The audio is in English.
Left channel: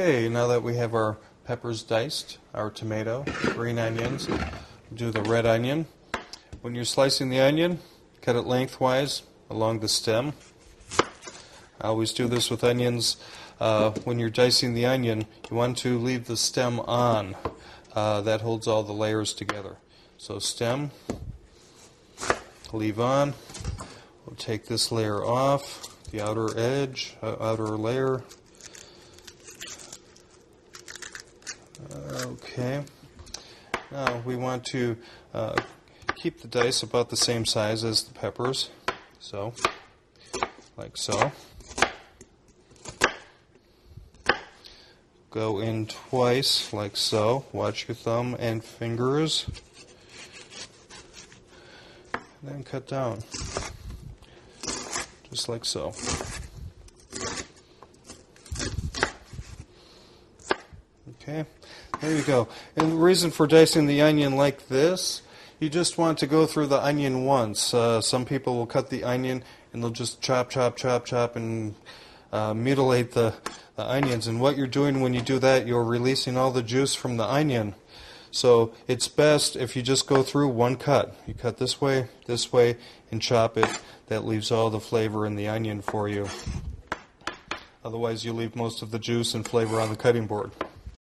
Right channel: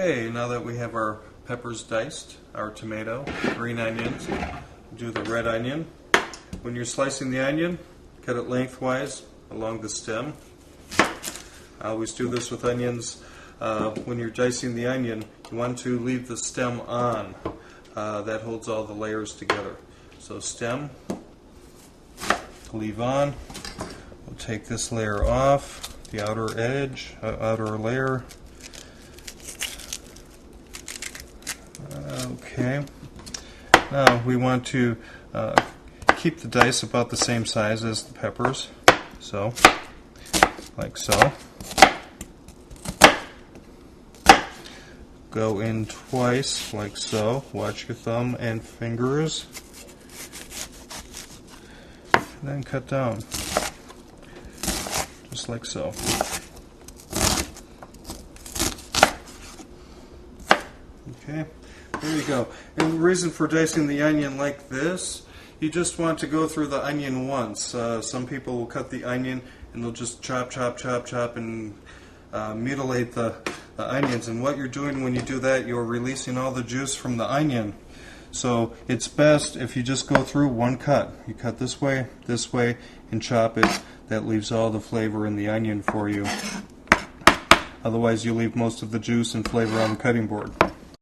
Okay, now that we have our peppers diced, our tomato, green onions, do the red onion. When you're slicing the onion, cut it lengthwise along the stem. I always do this with onions. When you're dicing the onion, you want to leave the stem on. That holds all the layers together. So stem, leave on. We'll take this layer off, the outer edge, outer layer. Okay. Now we want to keep the dice about the same size as the peppers. So, like so. Go in twice, like so. Watch your thumb and fingers. Then cut down, just like so. Okay, there you go. And the reason for dicing the onion like this, you just want to go through the onion once. Some people will cut the onion and they'll just chop, chop, chop, chop, and mutilate the onions. And what you're doing when you do that, you're releasing all the juice from the onion. So it's best if you just go through one cut. You cut this way, and chop it. That leaves all the flavor in the onion for you. Otherwise, you leave most of the juice and flavor on the cutting board.